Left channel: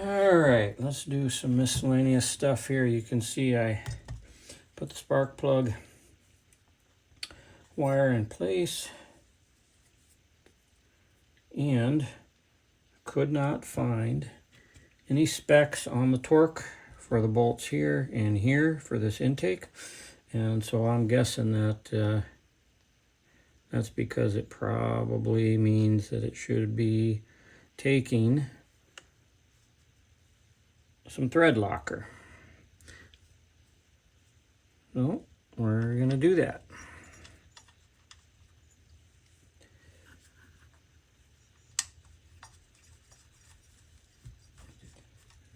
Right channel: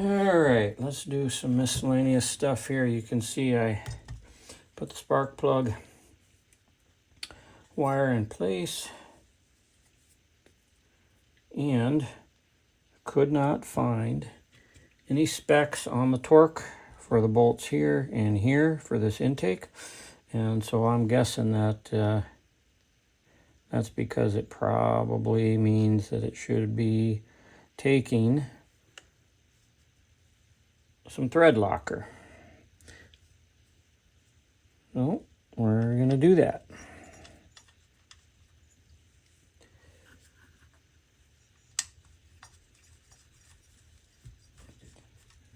All right, let's do some miscellaneous stuff here. You can see I put the spark plug wire in place and could not find any specs on the torque for the bolts here and here for this intake, and so I'm guessing that that's because it probably means that it should be taking some thread locker. So we're gonna do that.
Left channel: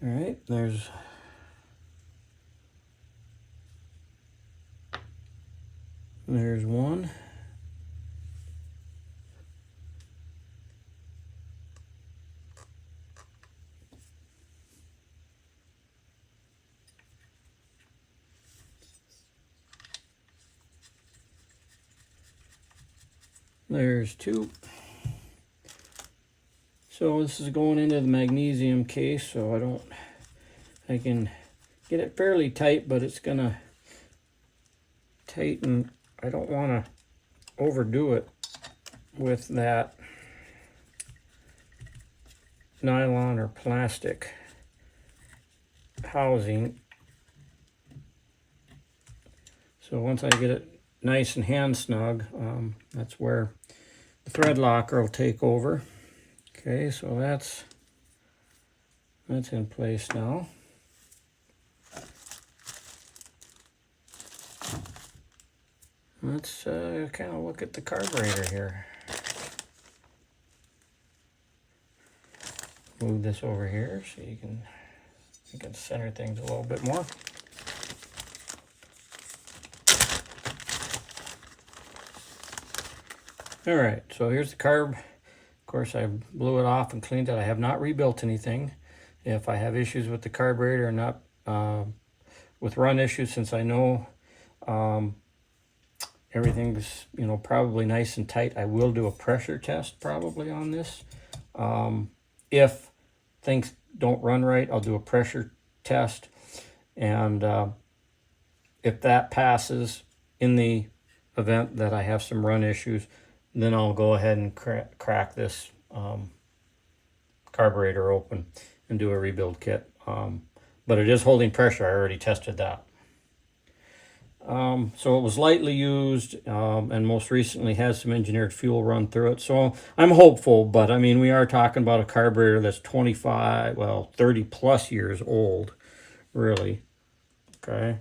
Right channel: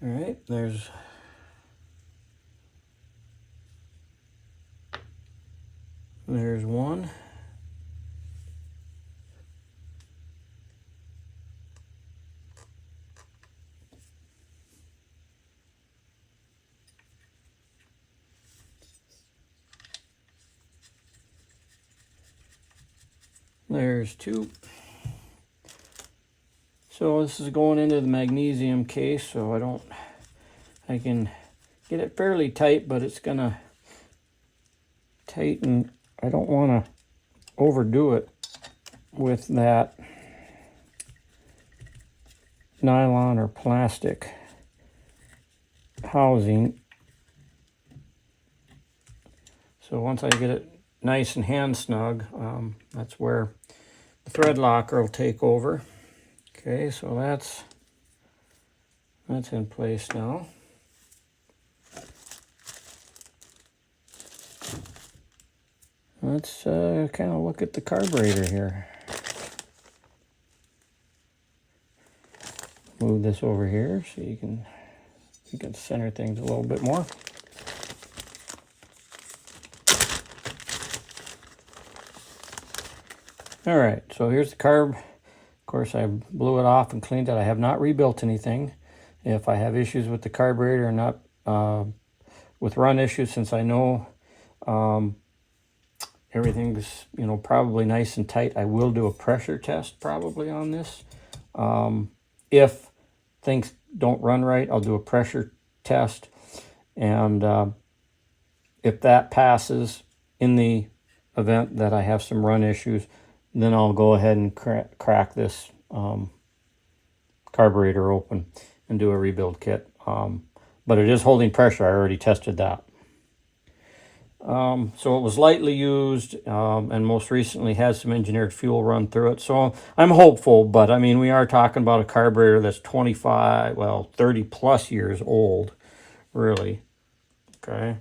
All right, there's one. There's two. So this is going into the magnesium case, so I can get it fairly tight, but it's gonna tighten. I don't want to overdo it with that nylon or plastic housing. So once I get it nice and hand snug, that's where the thread locker will take over. Okay, so that's in place now. Let's kind of look at the carburetor here. Move this over here so you can center things a little bit more. All right, so here's the carb. Of course, I blew it off and cleaned it. I have not rebuilt anything. If I have issues with the carburetor, not with run issues, since I know everything's probably nice and tight, I will do a pressure test probably on this. If things don't run right, I'll do a pressure test, and if that passes, in the event that I have some run issues, then I'll go ahead and crack this carburetor open and do a rebuild kit. But it is holding pressure. I already tested that. So it was lightly used, and most recently has some engineered fuel run through it. So I'm hopeful, but I mean, we are talking about a carburetor that's 30 plus years old, really. Okay.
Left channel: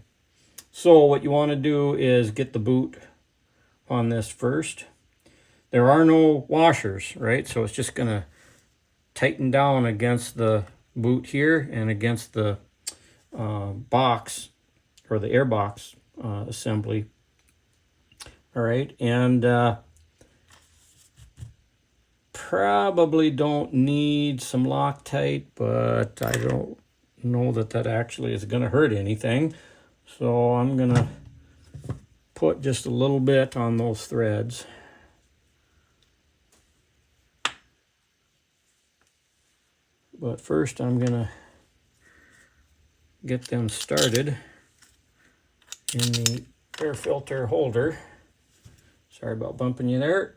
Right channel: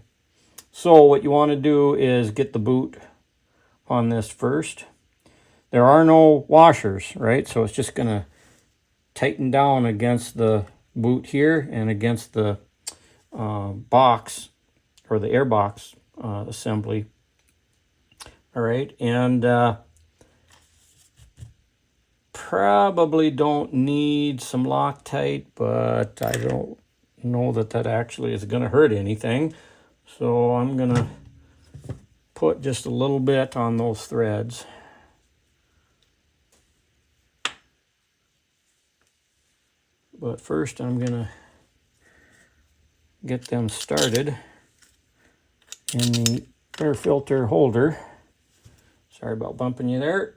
So what you want to do is get the boot on this first. There are no washers, right? So it's just going to tighten down against the boot here and against the box, or the air box assembly. All right, and probably don't need some Loctite, but I don't know that actually is going to hurt anything. So I'm going to put just a little bit on those threads. But first I'm going to get them started in the air filter holder. Sorry about bumping you there.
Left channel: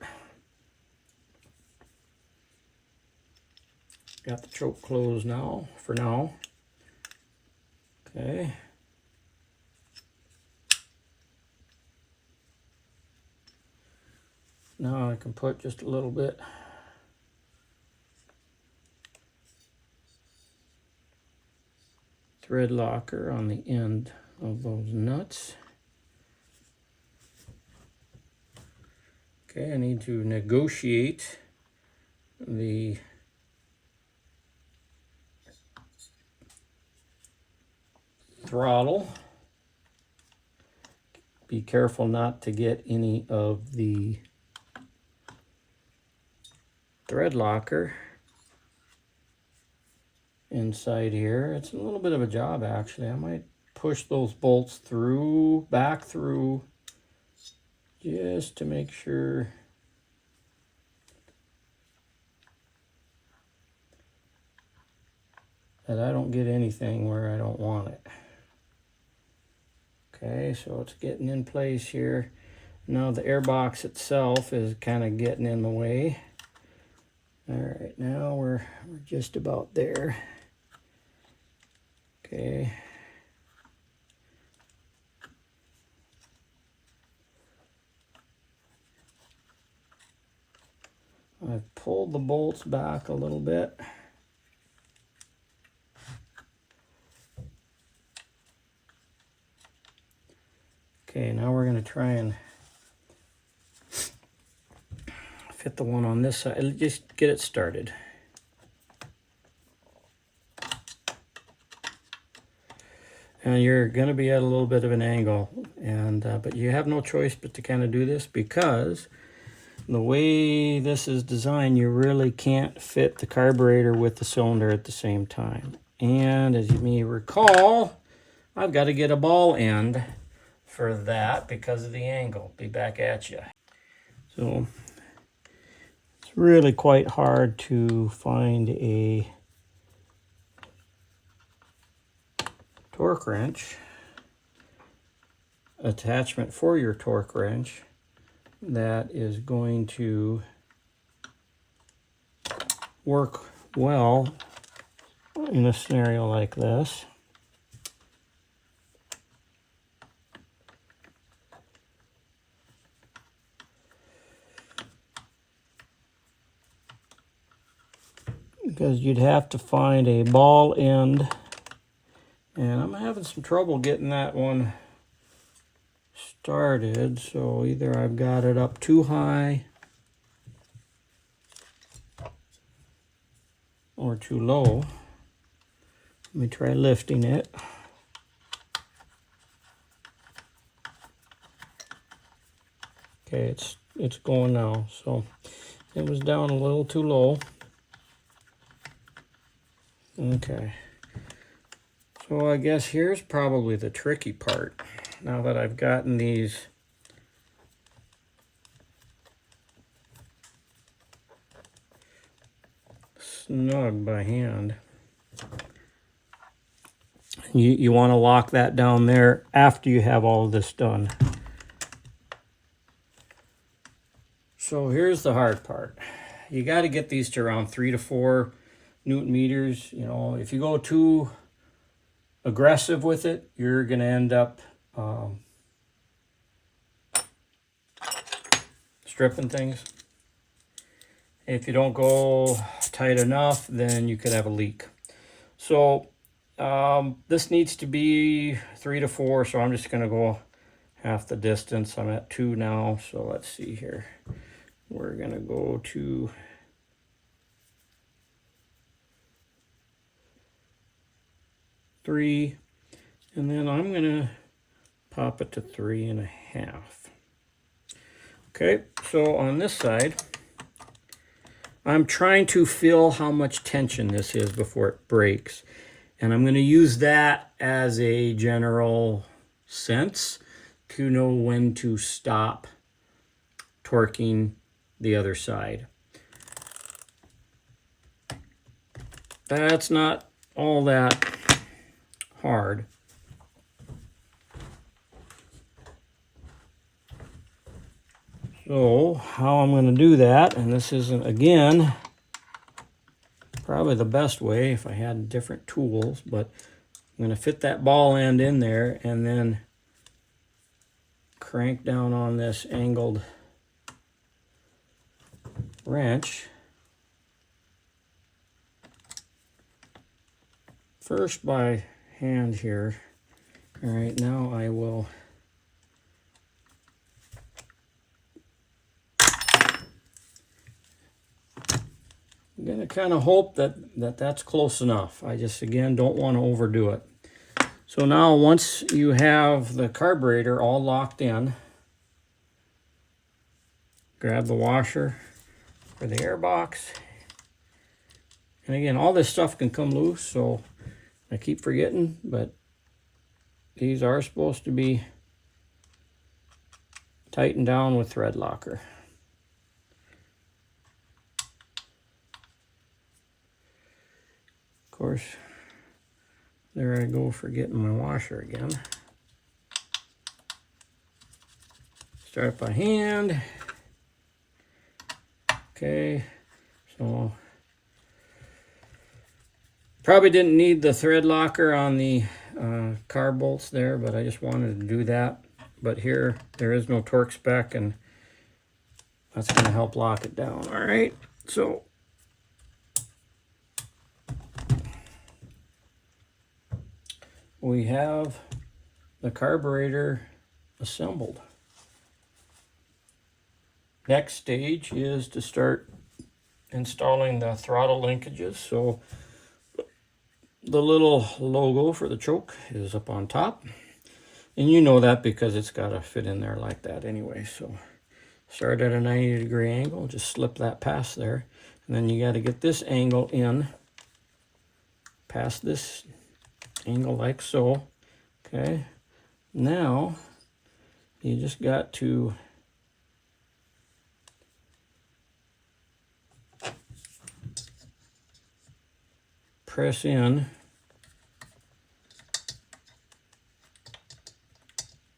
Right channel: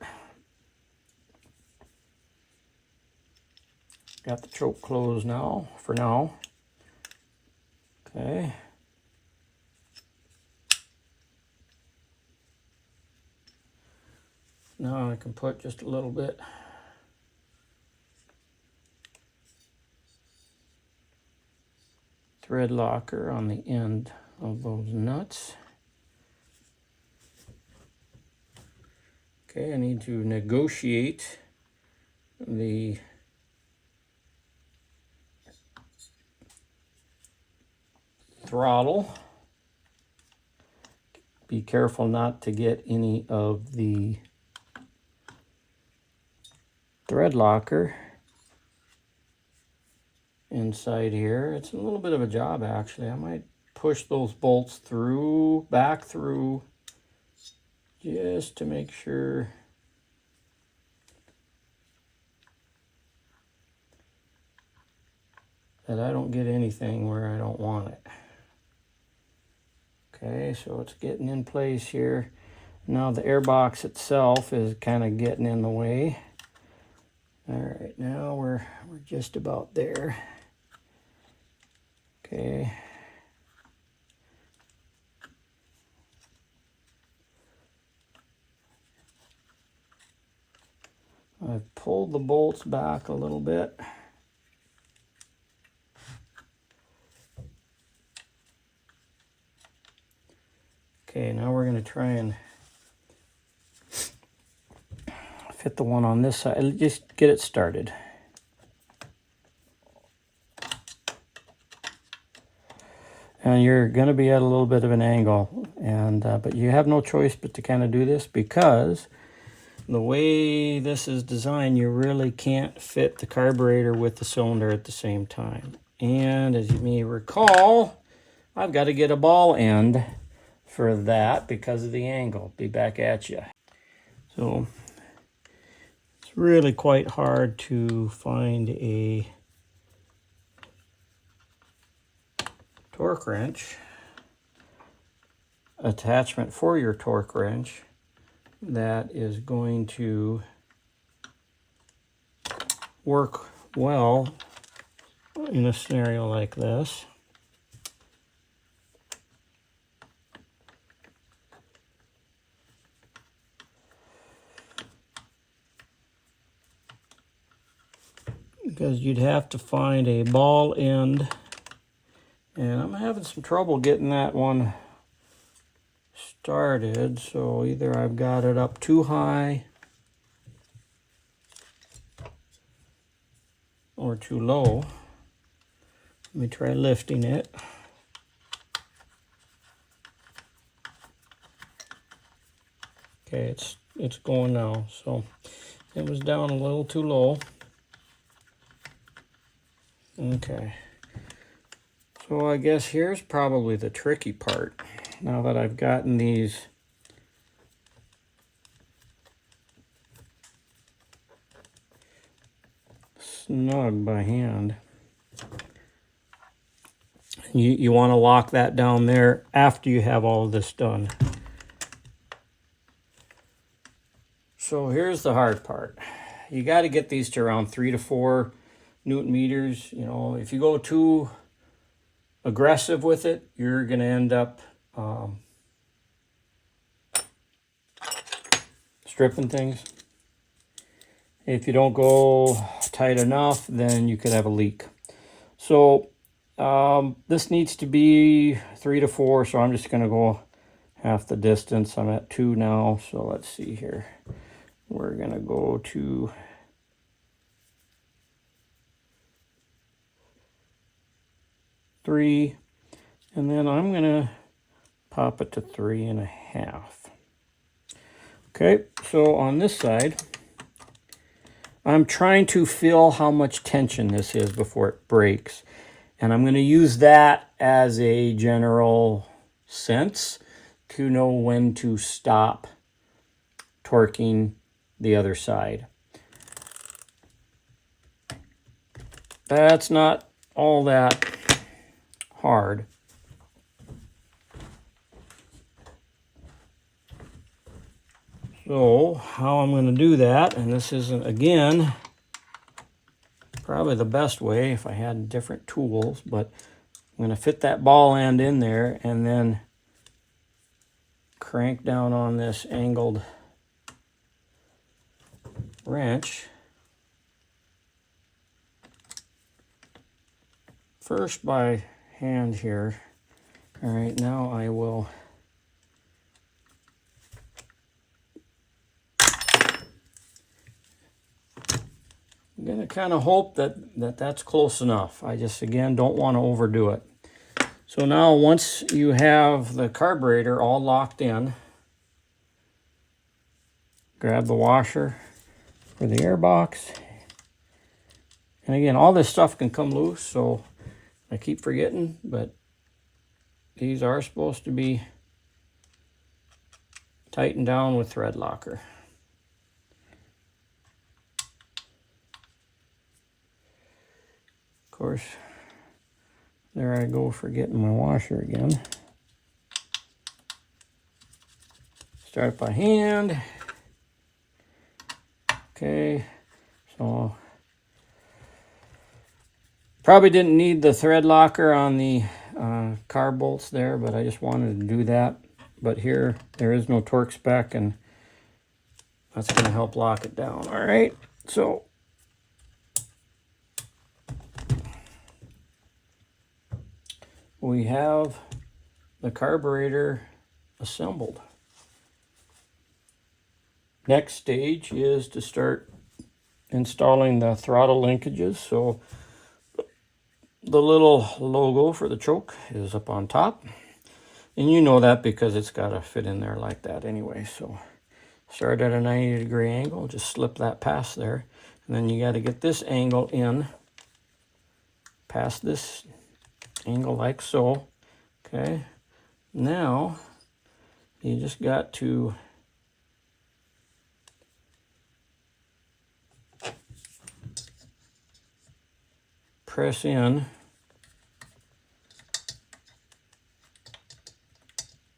Got the choke closed now, for now. Okay. Now I can put just a little bit thread locker on the end of those nuts. Okay, I need to negotiate the throttle. Be careful not to get any of the thread locker inside here. It's a little bit of a job, actually. I might push those bolts through, back through, just to make sure that I don't get anything where I don't want it. Okay, so it's getting in place here. Now the air box itself is kind of getting in the way. All right, now we're just about there. Okay. I've pulled the bolts back a little bit. Okay, now we're going to try and fit the one on this side. Just get it started. And you're going to be at a little bit of an angle, and but you have no choice but to kind of do this, because the way this is designed, you really can't fit the carburetor with the cylinder at the same time. And as you may recall, I've got to get a ball end for that because of the angle. Be back at you. So it's really quite hard to find a torque wrench attachment for your torque wrench that is going to work well in a scenario like this. Because you'd have to find a ball end, and I'm having some trouble getting that one started, so either I've got it up too high or too low. Let me try lifting it. Okay, it's going now. So it was down a little too low. Okay. So I guess here's probably the tricky part. Now that I've gotten these snug by hand, you want to lock that down there after you have all of this done. So here's the hard part. You got to get these to around 3 to 4 Newton meters. You know, if you go too aggressive with it, you're going to end up stripping things. If you don't go tight enough, then you could have a leak. So this needs to be 3 to 4, so I'm just going to go half the distance. I'm at 2 now, so let's see here. We're going to go to 3, and then I'm going to pop it to 3.5. Okay, so on this side, I'm trying to feel how much tension this is before it breaks. And I'm going to use that as a general sense to know when to stop torquing the other side. That's not all that hard. So how I'm going to do that, and this isn't, again, probably the best way if I had different tools, but I'm going to fit that ball end in there and then crank down on this angled wrench. First by hand here. All right, now I will I'm going to kind of hope that's close enough. I just, again, don't want to overdo it. So now once you have the carburetor all locked in, grab the washer for the air box. And again, all this stuff can come loose, so I keep forgetting, but these are supposed to be tightened down with thread locker. Of course, There I go, forgetting my washer again. Start by hand. Okay, so probably didn't need the thread locker on the car bolts there, but I just wanted to do that. But here, there is no torque spec, and that's going to help lock it down. All right, so we have the carburetor assembled. Next stage is to start installing the throttle linkages. So the little logo for the choke is up on top, and you know that because it's got to fit in there like that anyway. So start at a 90-degree angle, just slip that past there, and then you got to get this angle in past this angle like so. Okay, now you just got to press in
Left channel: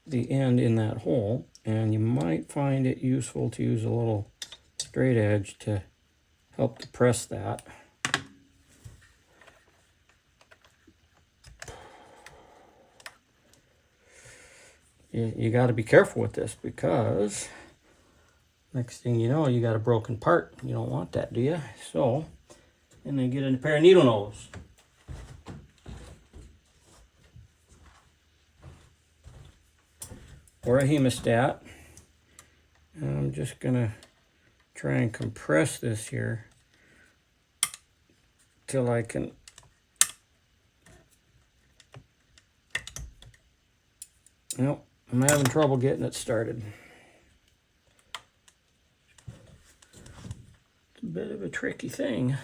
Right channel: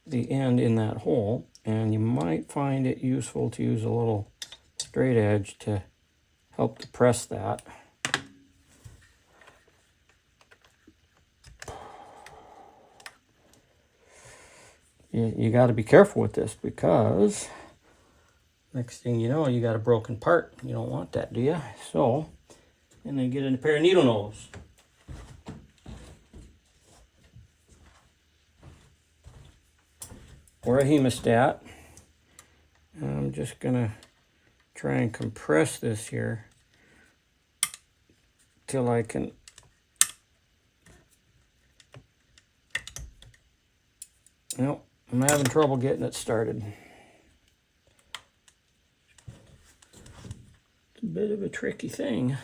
the end in that hole, and you might find it useful to use a little straight edge to help to press that. You got to be careful with this, because next thing you know, you got a broken part. You don't want that, do you? So, and then get in a pair of needle nose. Or a hemostat. And I'm just gonna try and compress this here till I can nope, I'm having trouble getting it started. It's a bit of a tricky thing.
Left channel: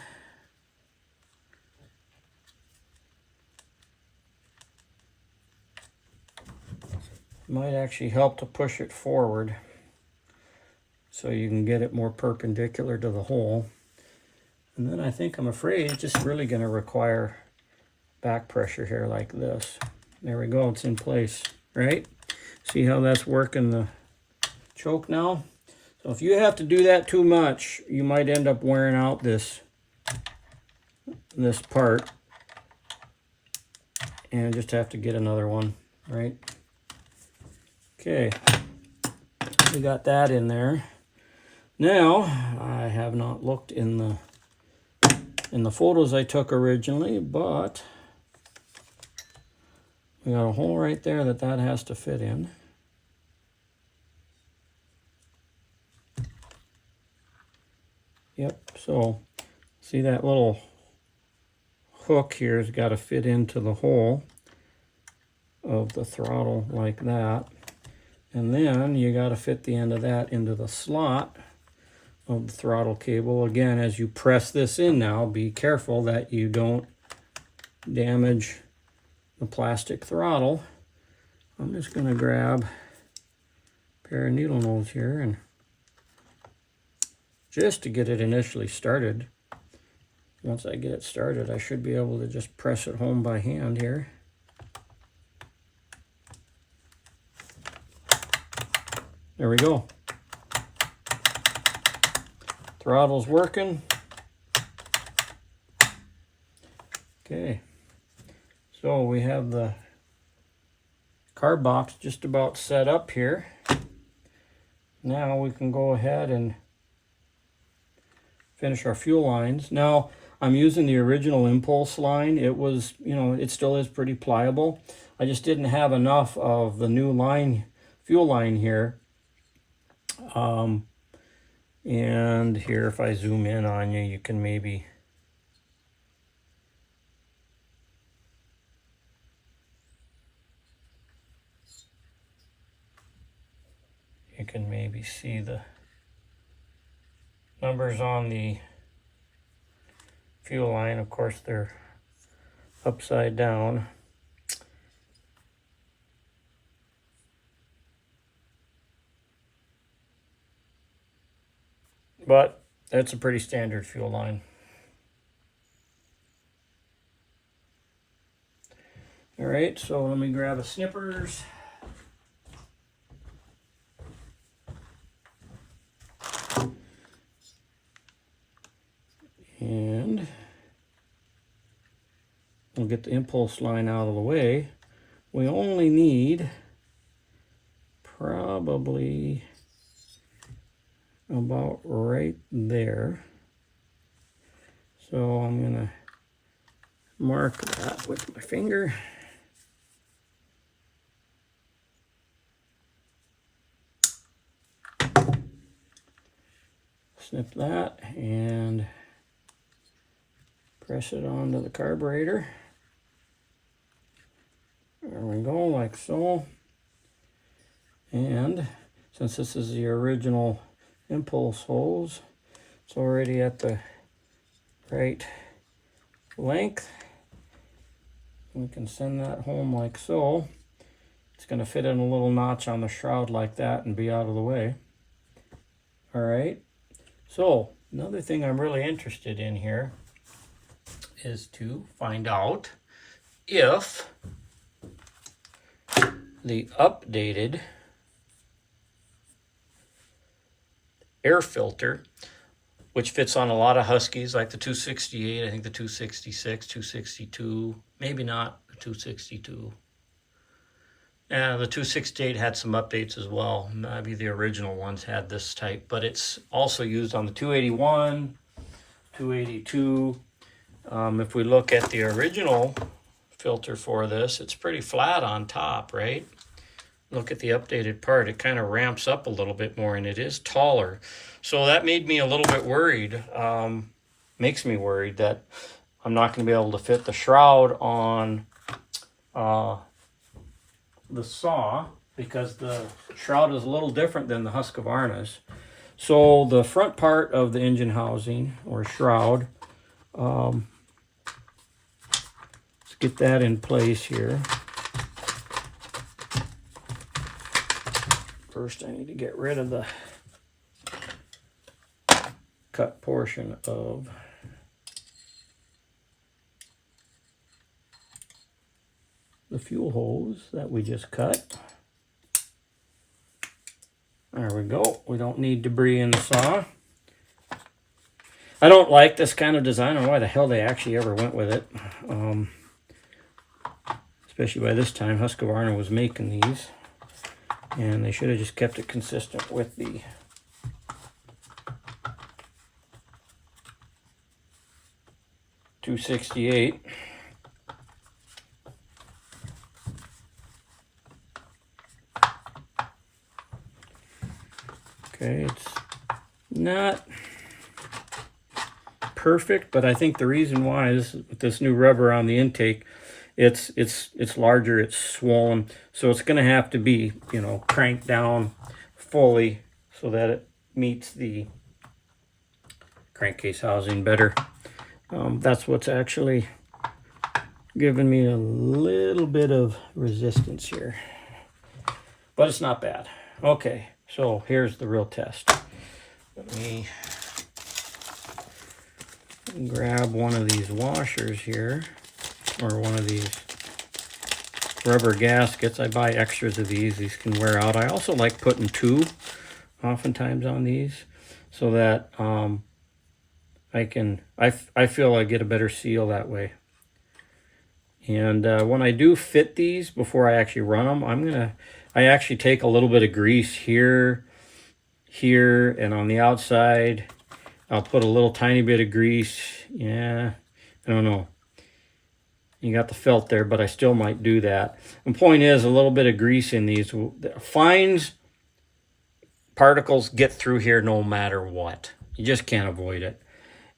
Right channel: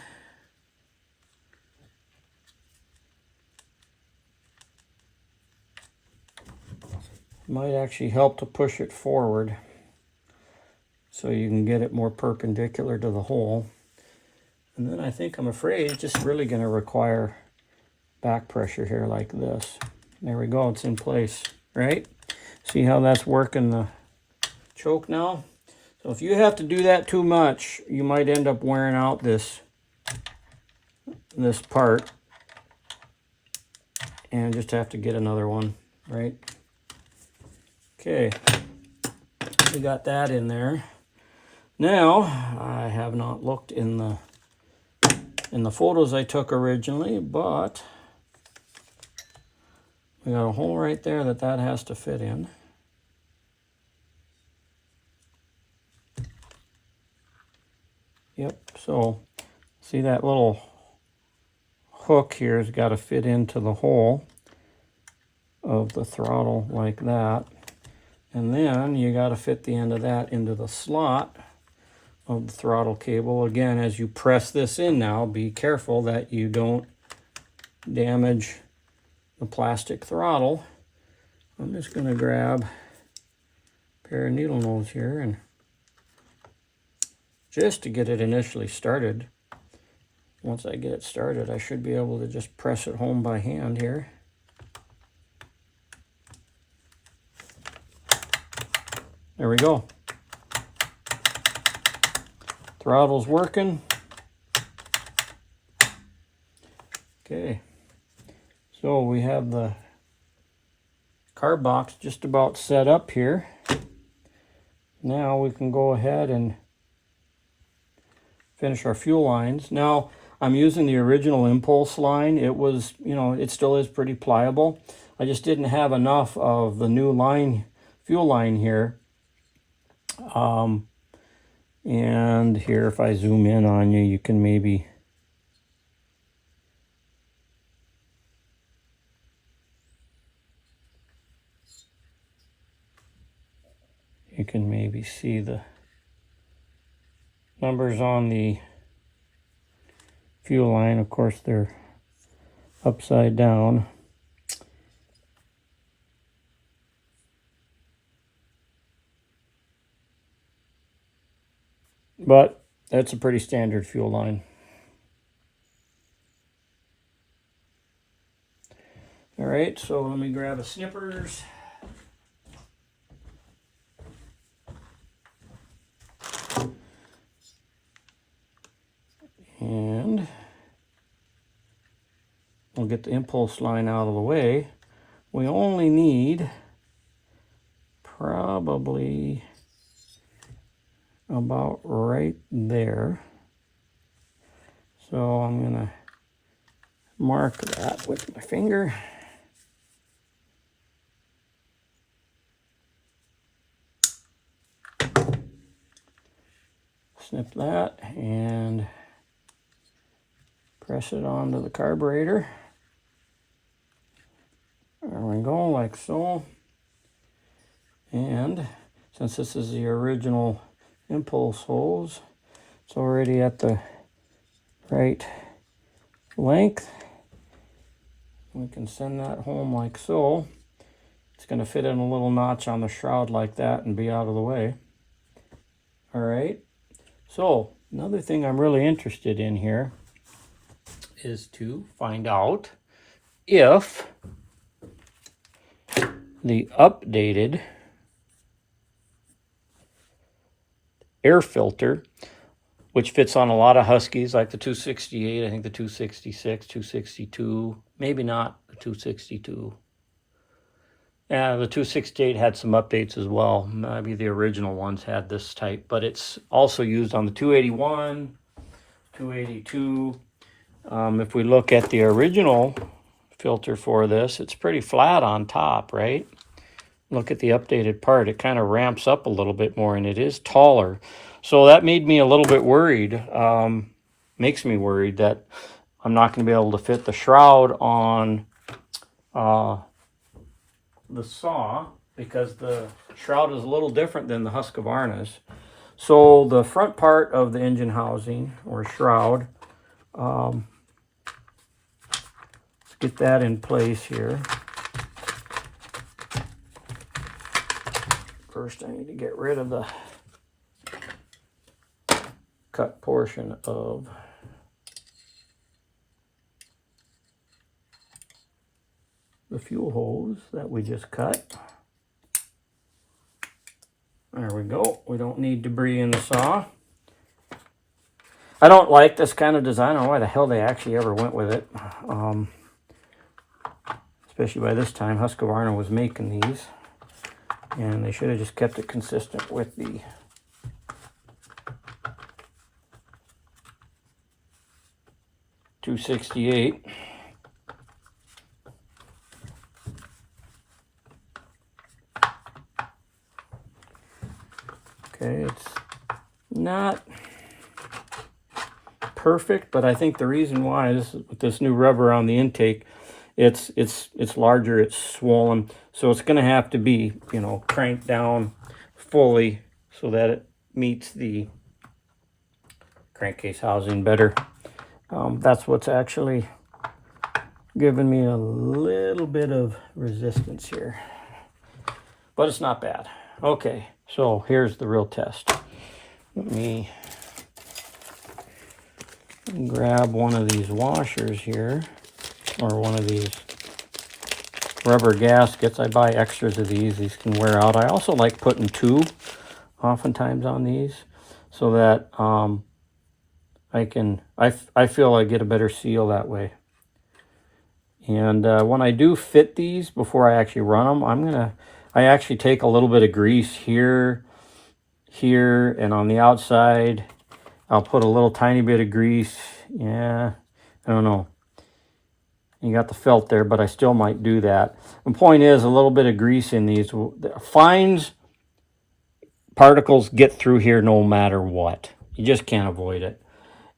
Might actually help to push it forward so you can get it more perpendicular to the hole. And then I think, I'm afraid, it's just really going to require back pressure here like this. There we go, it's in place, right? See how that's working the choke now? So if you have to do that too much, you might end up wearing out this part and just have to get another one, right? Okay, we got that in there. Now, I have not looked in the photos I took originally, but we got a hole right there that has to fit in. Yep, so see that little hook here has got to fit into the hole of the throttle like that. And then you got to fit the end of that into the slot of the throttle cable. Again, as you press this in now, be careful that you don't damage the plastic throttle. I'm just going to grab a pair of needle nose here, and just to get it initially started. Once I get it started, I should be able to just press it home by hand here. There we go. Throttle's working. Okay, so we have the carb box just about set up here. Now we can go ahead and finish our fuel lines. Now I'm using the original impulse line. It was, it still is pretty pliable. I just didn't have enough of the new line, fuel line here. And here, if I zoom in on you, you can maybe see the numbers on the fuel line. Of course, they're upside down. But that's a pretty standard fuel line. All right, so let me grab a snippers. And we'll get the impulse line out of the way. We only need probably about right there. So I'm gonna mark that with my finger. Snip that and press it onto the carburetor. There we go, like so. And since this is the original impulse hose, it's already at the right length. We can send that home like so. It's going to fit in a little notch on the shroud like that and be out of the way. All right. So another thing I'm really interested in here is to find out if the updated air filter, which fits on a lot of Huskies, like the 268, I think the 266, 262, maybe not the 262. Yeah, the 268 had some updates as well. Maybe the original ones had this type, but it's also used on the 281, 282. If we look at the original filter for this, it's pretty flat on top, right? Look at the updated part. It kind of ramps up a little bit more, and it is taller. So that made me a little bit worried. Makes me worried that I'm not going to be able to fit the shroud on the saw, because the shroud is a little different than the Husqvarna's. So the front part of the engine housing or shroud, let's get that in place here. First I need to get rid of the cut portion of the fuel hose that we just cut. There we go. We don't need debris in the saw. I don't like this kind of design. I don't know why the hell they actually ever went with it. Especially by this time, Husqvarna was making these. And they should have just kept it consistent with the .268. Okay, it's not perfect, but I think the reason why is with this new rubber on the intake, it's larger, it's swollen, so it's going to have to be, you know, cranked down fully so that it meets the crankcase housing better. That's what's actually giving me a little bit of resistance here, but it's not bad. Okay, so here's the real test. Let me grab one of these washers here, or one of these rubber gaskets. I buy extras of these. These can wear out. I also like putting two oftentimes on these so that I feel I get a better seal that way. And when I do fit these, before I actually run them, I actually take a little bit of grease here, and on the outside, I'll put a little tiny bit of grease. Yeah, I don't know. You got the felt there, but I still might do that. The point is, a little bit of grease in these fines particles get through here no matter what. You just can't avoid it.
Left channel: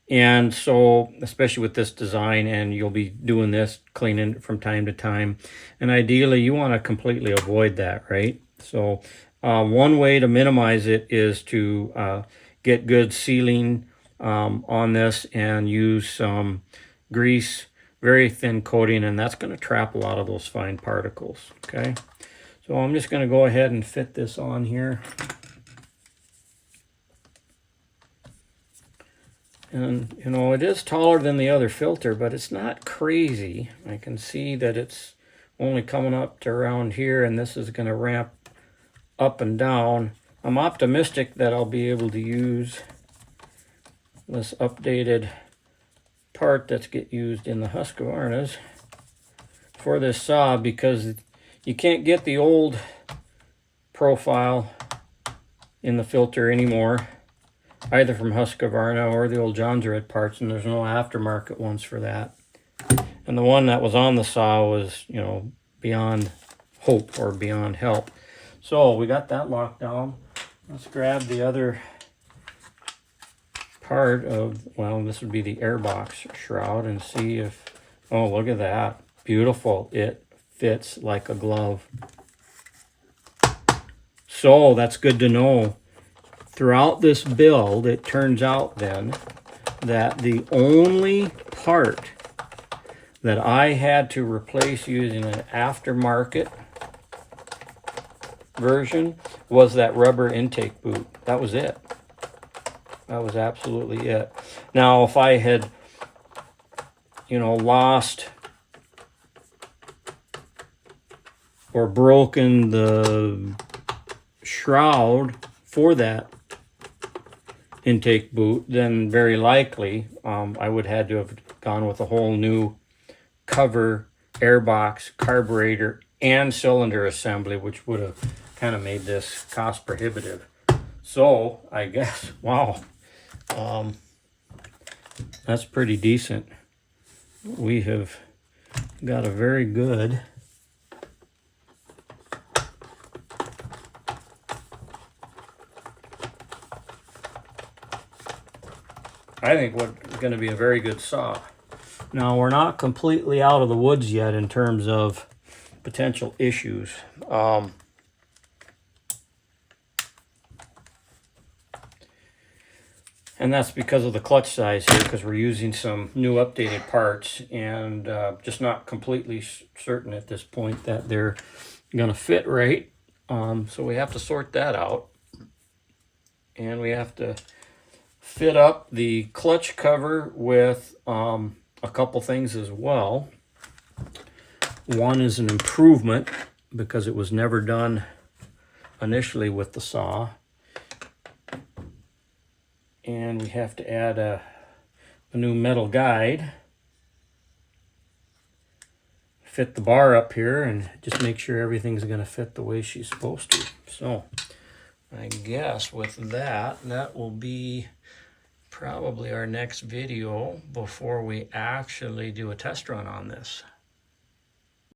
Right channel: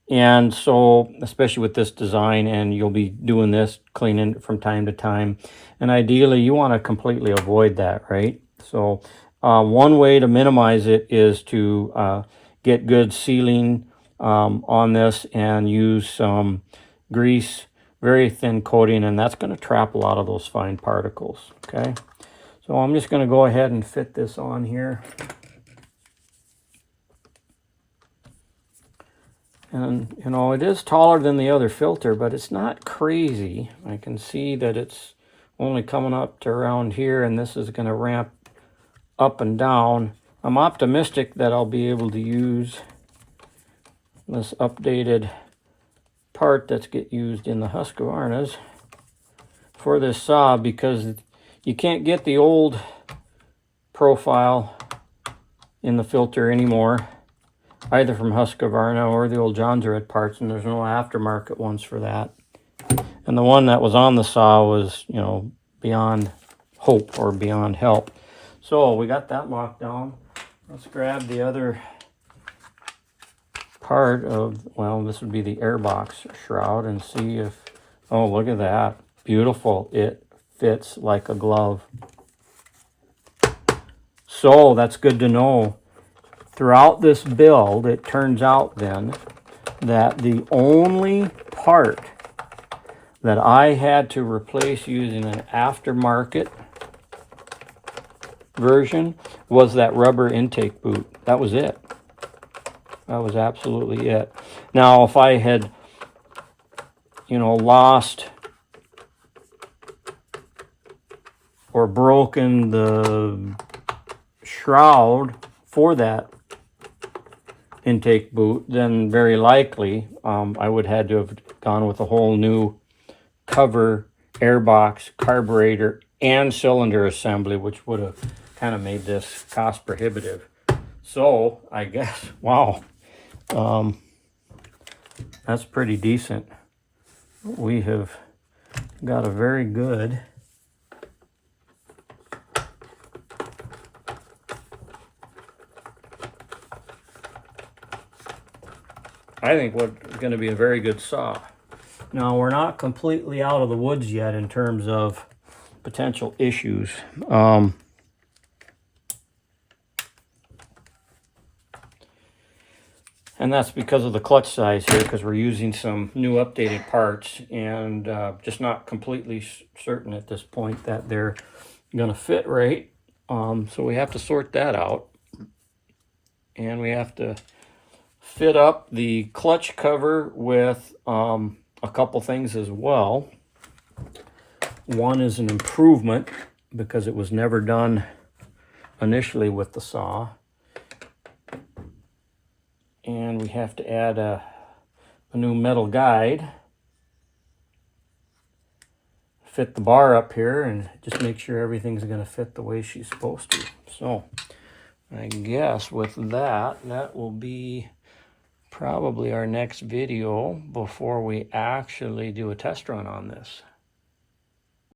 And so, especially with this design, and you'll be doing this, cleaning it from time to time, and ideally you want to completely avoid that, right? So one way to minimize it is to get good sealing on this and use some grease, very thin coating, and that's going to trap a lot of those fine particles. Okay, so I'm just going to go ahead and fit this on here. And, you know, it is taller than the other filter, but it's not crazy. I can see that it's only coming up to around here, and this is going to ramp up and down. I'm optimistic that I'll be able to use this updated part that's get used in the Husqvarnas for this saw, because you can't get the old profile in the filter anymore, either from Husqvarna or the old Jonsered parts, and there's no aftermarket ones for that. And the one that was on the saw was, you know, beyond hope or beyond help. So we got that locked down. Let's grab the other part of, well, this would be the airbox shroud, and see if, oh, look at that. Beautiful. It fits like a glove. So that's good to know. Throughout this build, it turns out then that the only part that I had to replace using an aftermarket version was that rubber intake boot. That was it. That was absolutely it. Now, if I had, you know, lost or broken the shroud for that intake boot, then very likely I would have had to have gone with a whole new cover, airbox, carburetor, and cylinder assembly, which would have kind of made this cost prohibitive. So I guess, wow, that's pretty decent. We have got a very good I think what's going to be a very good saw. Now, we're not completely out of the woods yet in terms of potential issues. And that's because of the clutch size here, because we're using some new updated parts, and just not completely certain at this point that they're going to fit right. So we have to sort that out. And we have to fit up the clutch cover with a couple things as well. One is an improvement because it was never done initially with the saw. And we have to add a new metal guide. Fit the bar up here and just make sure everything's going to fit the way she's supposed to. So I guess with that, that will be probably our next video before we actually do a test run on this.